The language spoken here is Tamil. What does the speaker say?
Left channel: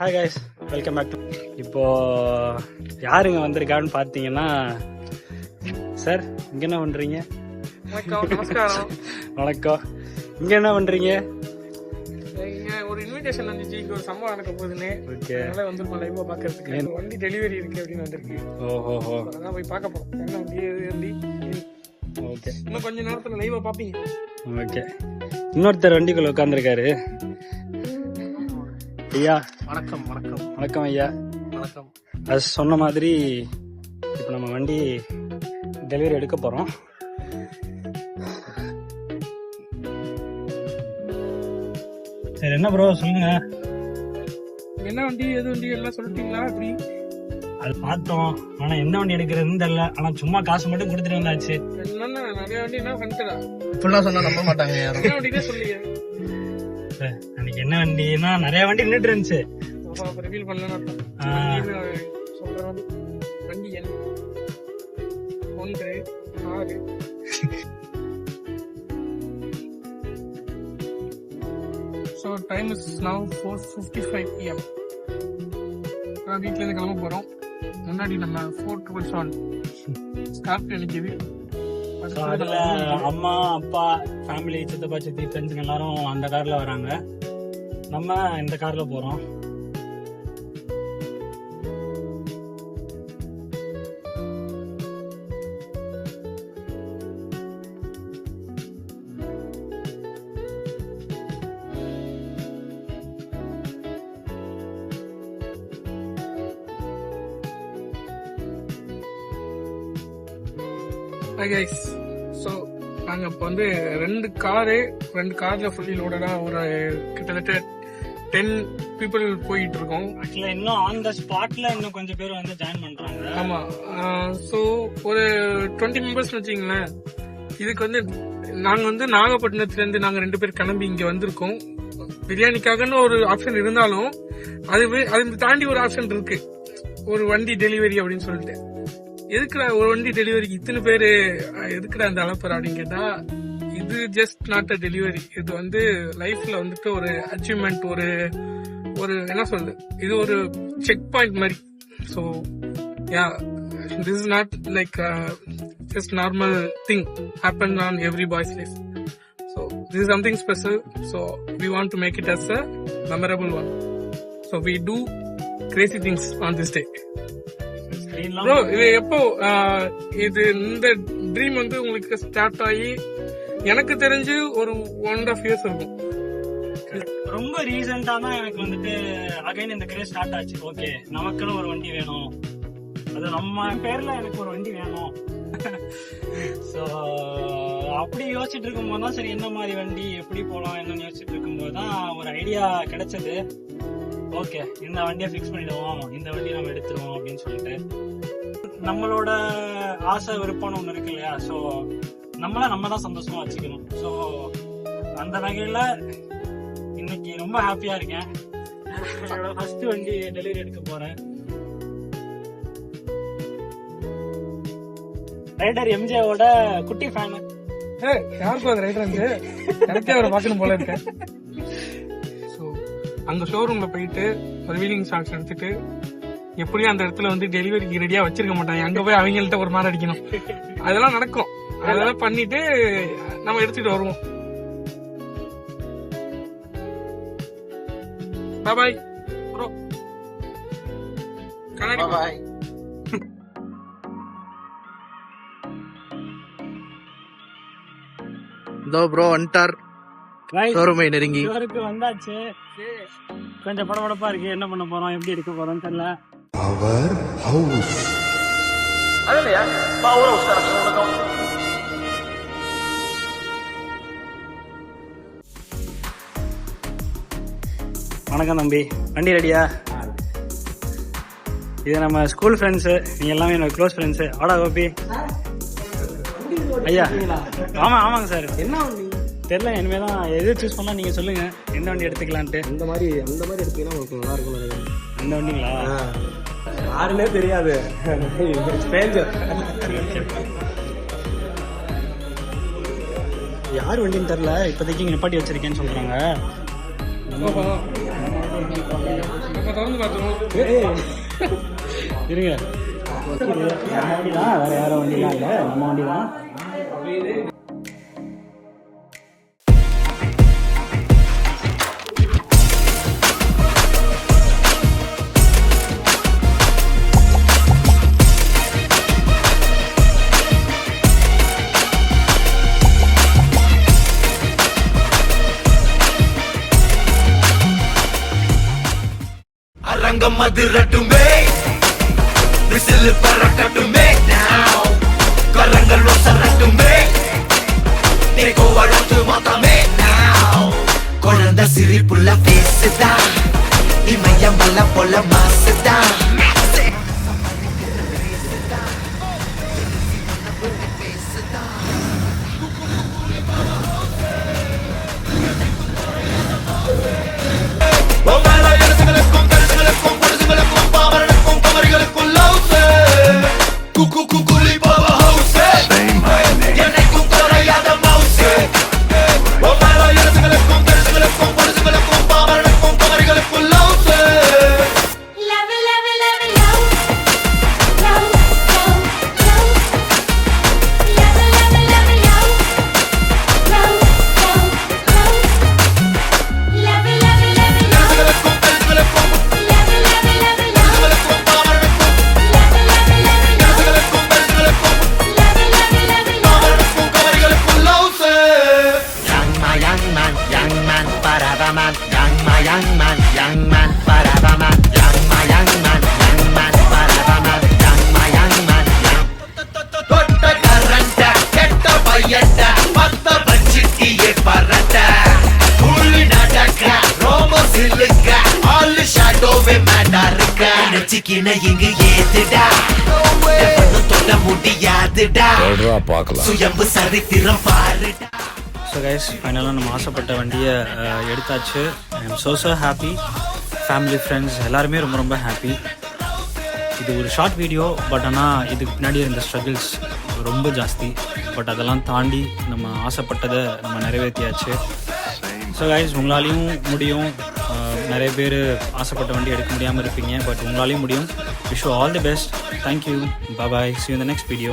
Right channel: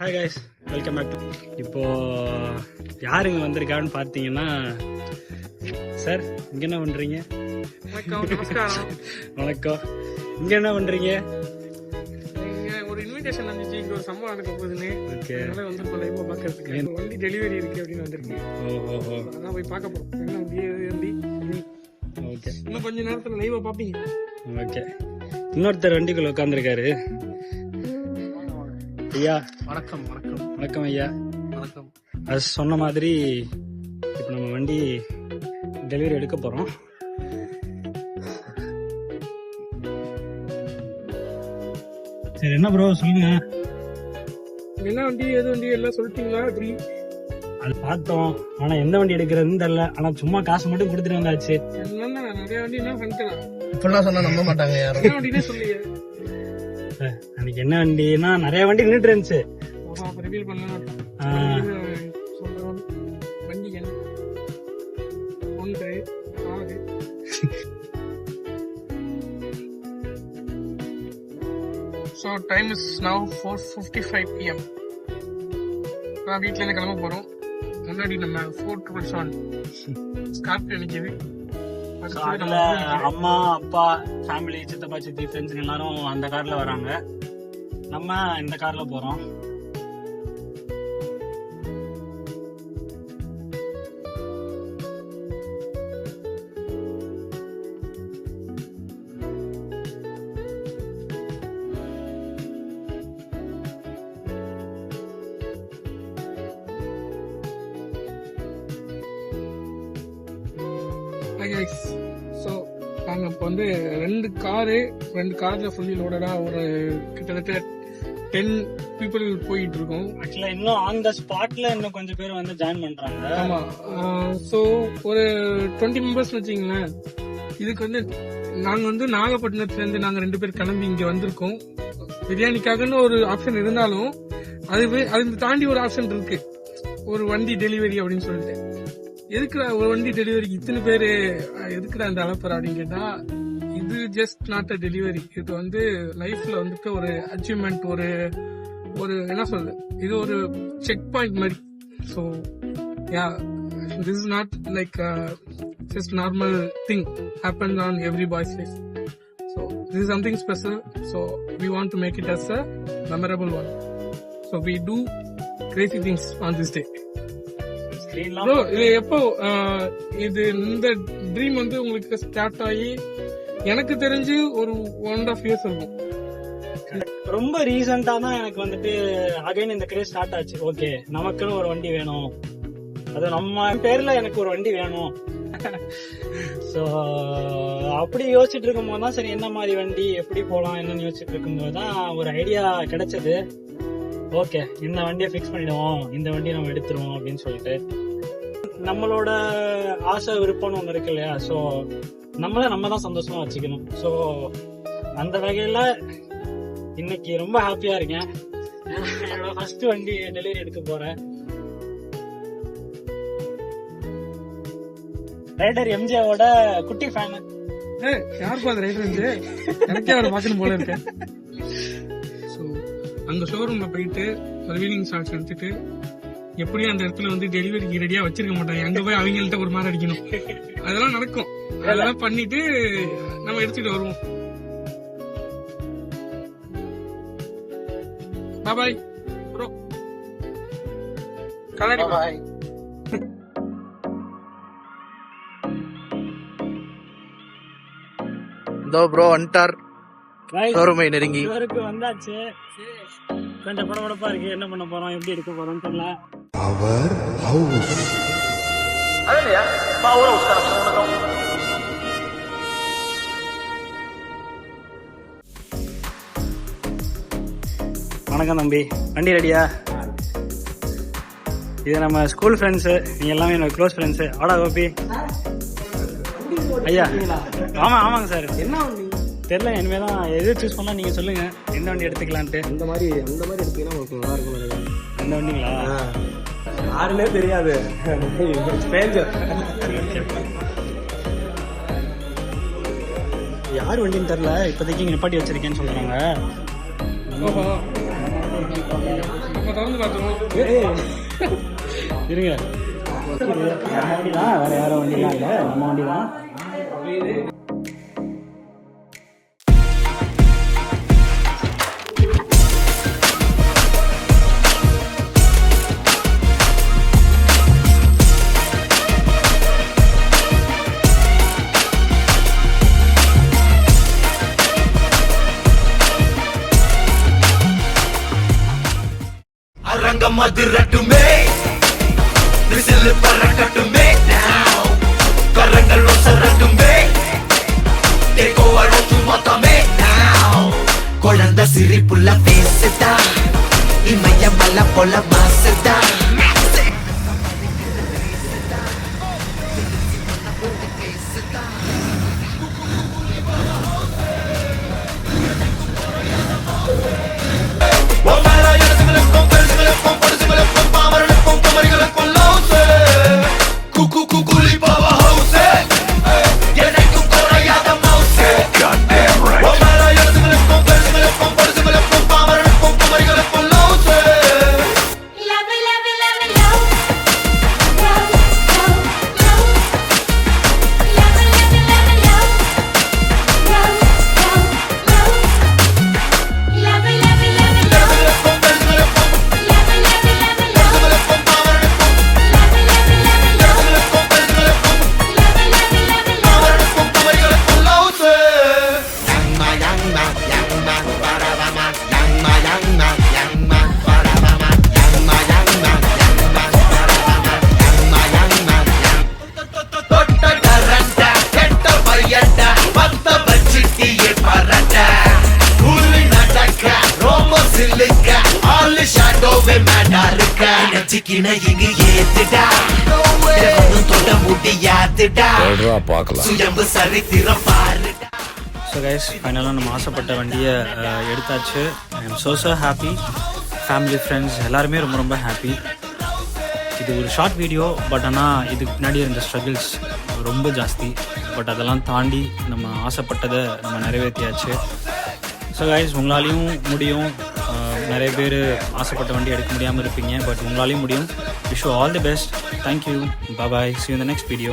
Hi guys, welcome back to. இப்போ யாருங்க வந்திருக்கான்னு பார்த்தீங்கன்னா, சார் இங்க என்ன பண்றீங்க? வணக்கம், நமஸ்காரம். வணக்கம். இங்க என்ன பண்றீங்க? ஒரு இன்விடேஷன் வந்துச்சு, இங்க ஒரு சம்பவம் நடக்க போகுதுன்னு. ஓகே, அதனால வந்திருக்கோம் லைவா பாக்கிறதுக்கு. வண்டி டெலிவரி இருக்கு அப்படின்னு வந்திருக்கு. ஓஹோ, அதான் போய் பார்க்க போறோம். என்ன வண்டி? ஓகே, இன்னும் கொஞ்ச நேரத்துல லைவா பாப்பீங்க. ஓகே. இன்னொருத்தர் வண்டிக்குள்ள உட்காந்துருக்காரு. ஐயா வணக்கம். வணக்கம். வணக்கம் ஐயா. வணக்கம். அது சொன்ன மாதிரி இப்போ நம்ம வண்டி டெலிவரி எடுக்க போறோம். சரி, என்ன ப்ரோ சொல்லுங்க. என்ன வண்டி, எது வண்டி எல்லாம் சொல்லிட்டீங்களா? எப்படி? அது பார்த்தோம், ஆனா எந்த வண்டி எடுக்கிறதுன்னு தெரியல. ஆனா சும்மா காசு மட்டும் கொடுத்துட்டு வந்தாச்சு. என்னன்னா நிறைய வண்டி என்ன பண்ணிட்டா இப்பெல்லாம் சொன்னா நம்ப மாட்டாங்க யாரும். என்ன வண்டினே சொல்லி அன்னைக்கு என்ன வண்டினா நிறைய வண்டி நின்றுட்டு இருந்துச்சு. ரிவீல் பண்ணலாம் சொல்றேன். வண்டி என்ன 1 6. So time is now 4:55 PM. நான் வீட்ல இருந்து கிளம்ப போறோம். முன்னாடி நம்ம 477 ஸ்கார்பியோ நிக்குது. அதுல அம்மா அப்பா ஃபேமிலி சித்தப்பா சித்தி ஃப்ரெண்ட்ஸுங்க எல்லாரும் அந்த கார்ல வராங்க. நம்ம இந்த கார்ல போறோம். Hi guys. So நாங்க இப்போ வந்து 2 கார்ல ஃபுல்லி லோடடா ஒரு கிட்டத்தட்ட 10 people போயிட்டு இருக்கோம். ஆக்சுவலா இன்னும் ஆன் த ஸ்பாட்ல இன்னும் கொஞ்சம் பேர் வந்து ஜாயின் பண்றாங்க. ஆமா. ஸோ ஒரு 20 மெம்பர்ஸ் வச்சுங்களேன். இதுக்கு வந்து நாங்க வந்து நாகப்பட்டினத்துல இருந்து நாங்க 2 பேர் கிளம்பி இங்க வந்திருக்கோம். பிரியாணிக்காகன்னு ஒரு ஆப்ஷன் இருந்தாலும் அது தாண்டி ஒரு ஆப்ஷன் இருக்கு, ஒரு வண்டி டெலிவரி அப்படின்னு சொல்லிட்டு. எதுக்குடா ஒரு வண்டி டெலிவரிக்கு இத்தனை பேரு, எதுக்குடா அந்த அளப்பர் அப்படின்னு கேட்டா, இது ஜஸ்ட் நாட் அ டெலிவரி. இது வந்து லைஃப்ல வந்துட்டு ஒரு அச்சீவ்மெண்ட், ஒரு என்ன சொல்றது, இது ஒரு செக் பாயிண்ட் மாதிரி. So yeah, this is not like just normal thing happen on every boys life. So this is something special. So we want to make it as a memorable one. So we do crazy things on this day. Bro, இது எப்போ இது இந்த ட்ரீம் வந்து உங்களுக்கு ஸ்டார்ட் ஆகி? எனக்கு தெரிஞ்சு ஒரு 1.5 years இருக்கும். ரொம்ப ரீசெண்டா தான் எனக்கு வந்துட்டு அகைன் இந்த கிரேஸ் ஸ்டார்ட் ஆச்சு. ஓகே, நமக்குன்னு ஒரு வண்டி வேணும், அது நம்ம பேர்ல எனக்கு ஒரு வண்டி வேணும். ஸோ அப்படி யோசிச்சுட்டு இருக்கும்போது தான், சரி என்ன மாதிரி வண்டி எப்படி போகலாம் என்னன்னு யோசிச்சுட்டு இருக்கும்போது தான் ஒரு ஐடியா கிடைச்சது. ஓகே, இந்த வண்டியை ஃபிக்ஸ் பண்ணிடுவோம், இந்த வண்டியை நம்ம எடுத்துருவோம் அப்படின்னு சொல்லிட்டு. நம்மளோட ஆசை விருப்பம்னு ஒன்று இருக்கு இல்லையா? ஸோ நம்ம தான் சந்தோஷமா வச்சுக்கணும். ஸோ அந்த வகையில் இன்னைக்கு ரொம்ப ஹாப்பியா இருக்கேன். என்னோட ஃபர்ஸ்ட் வண்டி டெலிவரி எடுக்க போறேன். ரைடர் எம்ஜிஆரோட குட்டி ஃபேன். யாருக்கும் அது ரைடர் வந்து எனக்கே அவரை பார்க்கணும் போல இருக்கேன். ஸோ அங்க ஷோரூம்ல போயிட்டு ரிவீலிங் ஷாட்ஸ் எடுத்துட்டு, எப்படியும் அந்த இடத்துல வந்து டெலிவரிக்கு ரெடியா வச்சிருக்க மாட்டாங்க, அங்க போய் அவங்கள்ட்ட ஒரு மாதிரி அடிக்கணும். அதெல்லாம் நடக்கும். அதெல்லாம் பண்ணிட்டு நம்ம எடுத்துட்டு வருவோம். Bye bro. பாய். இதோ ப்ரோ வந்துட்டார். ஷோரூமை நெருங்கி வந்தாச்சு. கொஞ்சம் படபடப்பா இருக்கு. என்ன பண்ண போறோம், எப்படி எடுக்க போறோம் தெரியல. அவர் ஹவுஸ் அதுலயா பவர் ஹவுஸ் கனெக்ஷன் உனக்கும். வணக்கம் தம்பி, வண்டி ரெடியா? இது நம்ம ஸ்கூல் ஃப்ரெண்ட்ஸு, நீங்க எல்லாமே என்னோட க்ளோஸ் ஃப்ரெண்ட்ஸு. ஆடா கோபி ஐயா. ஆமாங்க சார். என்ன வண்டி தெரியல, இனிமே தான் எது சூஸ் பண்ணா நீங்க சொல்லுங்க, எந்த வண்டி எடுத்துக்கலான்ட்டு. அந்த மாதிரி எடுத்தீங்கன்னா உங்களுக்கு நல்லா இருக்கும் நினைக்கிறேன். அந்த வண்டிங்களா? யாருன்னே தெரியாது, யார் வண்டின்னு தெரியல. இப்போதைக்கு நிப்பாட்டி வச்சிருக்கேன்னு சொல்றாங்க. நம்ம திறந்து பார்த்துருவோம். இருங்க, நம்ம வண்டி தான், வேற யாரும் வண்டிலாம் இல்லை, நம்ம வண்டி தான். அரங்கம் அதிரட்டுமே, விசில் பறக்கட்டுமே, now கரங்கள் ஒசரட்டுமே, தேக்கோ வழக்கு மொத்தமே now. குழந்தை சிரிப்புள்ள பேசுதா, இமயமலை போல மாசுதா. ஸோ கைஸ், ஃபைனலாக நம்ம ஆசைப்பட்ட வண்டியை எடுத்தாச்சு. I am so happy. Family, friends எல்லாருமே ரொம்ப ரொம்ப ஹாப்பி. இது ஒரு ஷார்ட் வீடியோ, பட் ஆனால் இதுக்கு பின்னாடி இருந்த ஸ்ட்ரகிள்ஸ் ரொம்ப ஜாஸ்தி. பட் அதெல்லாம் தாண்டி நம்ம ஆசைப்பட்டதை நம்ம நிறைவேற்றியாச்சு. ஸோ கைஸ், உங்களாலையும் முடியும். நிறைய பேர் ஆசைப்பட்ட வண்டி எடுக்க முடியாமல் இருப்பீங்க, பட் உங்களாலையும் முடியும். Wish you all the best. Thank you. Bye. See you in the next video.